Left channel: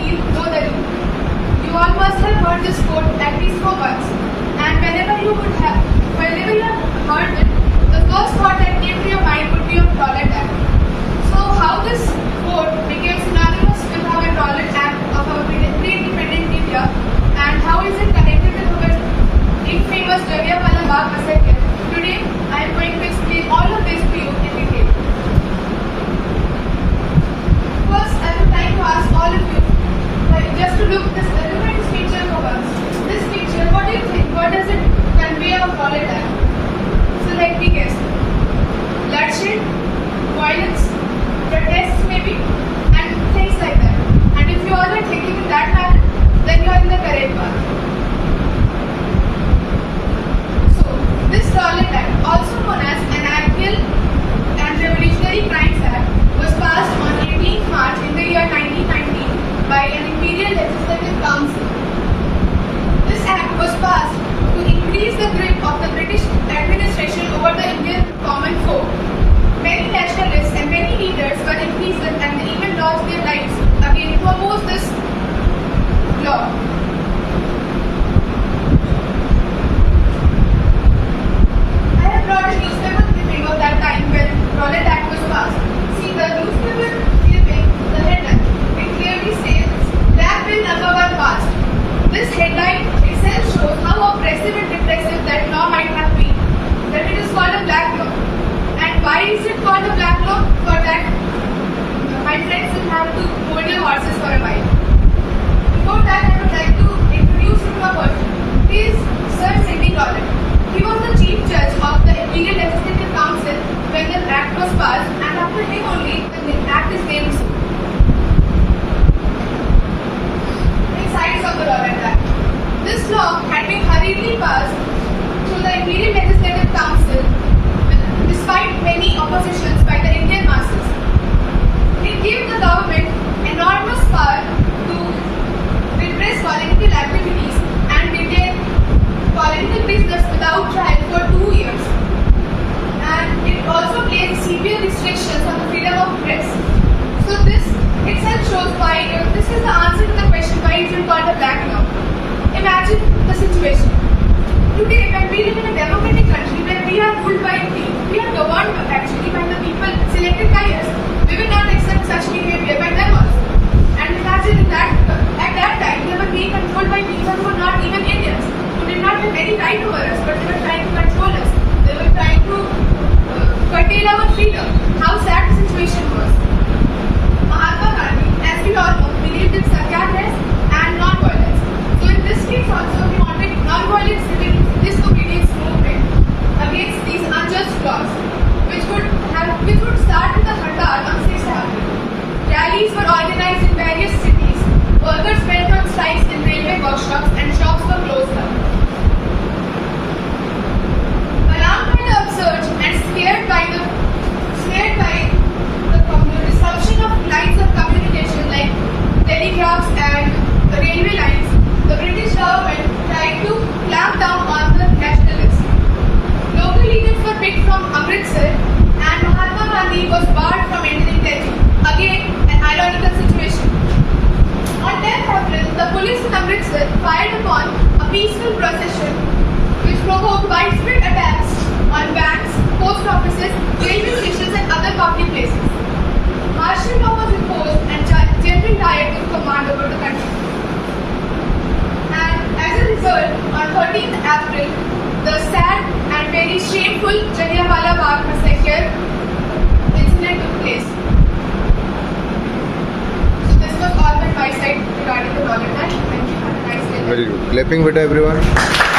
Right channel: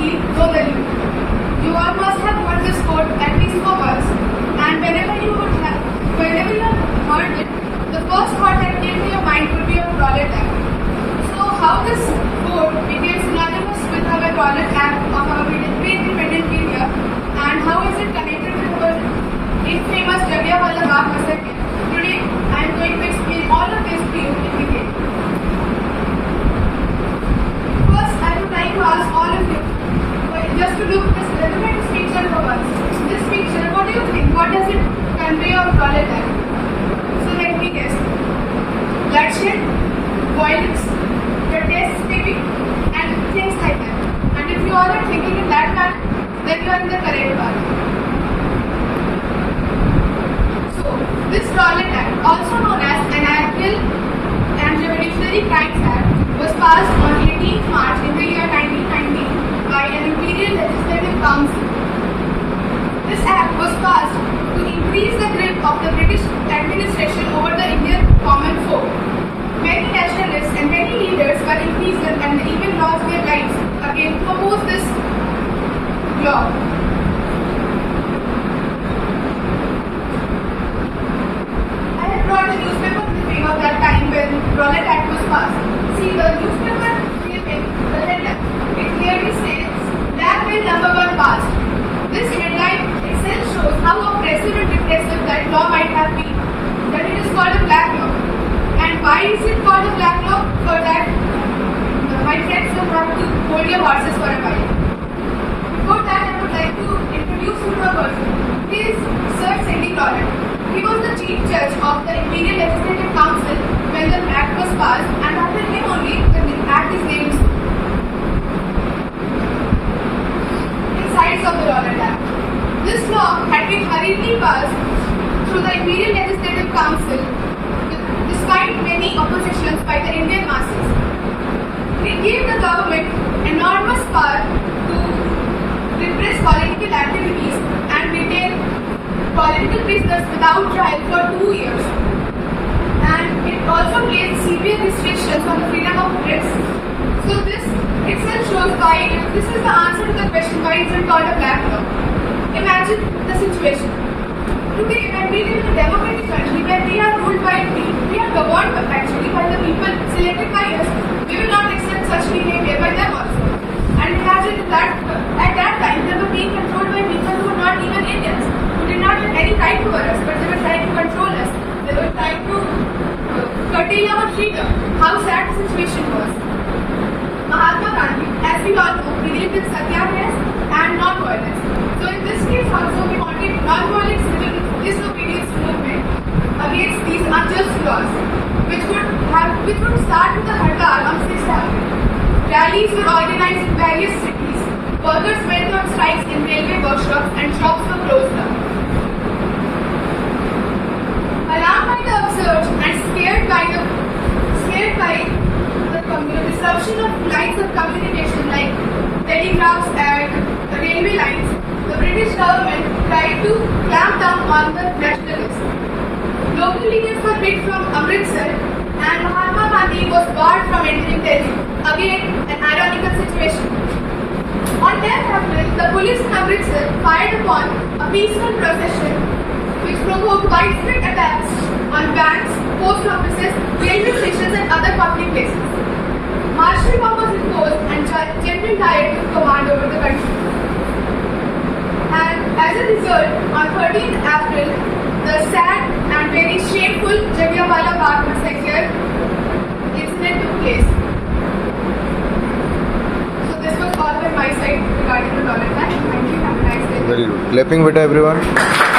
heal, know the heel. You all must have heard this quote at least for once, and whenever you have heard it, the first thought that came to your mind would be of Rowlatt Act. So how this quote became synonymous with our Rowlatt Act of our pre-independent India, and how is it connected to our infamous Jallianwala Bagh massacre? Today, I am going to explain all of this to you in detail. First, I would like to ask all of you, just to look at this picture for once. This picture, what do you think? What does it convey of Rowlatt Act? So let me guess. Bloodshed, violence, protests maybe, and things like that. And if you all are thinking in that manner, then you are in the correct path. So, this Rowlatt Act, also known as an Annual and Revolutionary Crimes Act, was passed on 18th March in the year 1919 by an Imperial Legislative Council. This act was passed to increase the grip of the British administration over the Indian common folk. Many nationalists and many leaders were imprisoned and even lost their lives again to oppose this law. I have brought a newspaper clipping of that time when Rowlatt Act was passed. See the newspaper clipping, the headline. It clearly says, Black Bill number 1 passed. This headline itself shows how oppressive and repressive that law might have been, that it is called a black law. And why is it called a black law? For that, my friends will have to hold your horses for a while. Before that, I would like to introduce you to a person. He is Sir Sidney Rowlatt. He was the Chief Judge of the Imperial Legislative Council when the Act was passed, and after him only the Act is named so. Sides of the Rowlatt Act. This law had been hurriedly passed through the Imperial Legislative Council despite many oppositions by the Indian masses. It gave the government enormous power to repress political activities and detain political prisoners without trial for 2 years. And it also placed severe restrictions on the freedom of press. So this itself shows why, this is the answer to the question why is it called a black law. Imagine the situation. Today, when we live in a democratic country where we are ruled by, we are governed actually by the people selected by us, we will not accept such behavior by them also. And imagine that at that time they were being controlled by people who were not even Indians, who did not have any right over us, but they were trying to control us. They were trying to curtail our freedom. How sad the situation was. Mahatma Gandhi, as we all know, believed in satyagrahas and non-violence. So in this case also, he wanted non-violent civil disobedience movement against these unjust laws, which would start with a hartal on 6th April. Rallies were organized in various cities. Workers went on strikes in railway workshops and shops were closed down. Alarmed by the upsurge and scared by the disruption of lines of communication like telegraphs and railway lines, the British government tried to clamp down on the nationalists. Local leaders were picked from Amritsar and Mahatma Gandhi was barred from entering Delhi. Again, an ironical situation. On 10th April, the police in Amritsar fired upon a peaceful procession which provoked widespread attacks on banks, post offices, railway stations and other public places. Martial law was imposed and General Dyer took command over the country. And as a result, on 13th April, the sad and very shameful Jallianwala Bagh massacre incident took place. So this was all from my side regarding the Rowlatt Act. Thank you. Have a nice day. Very good. Clapping with everyone.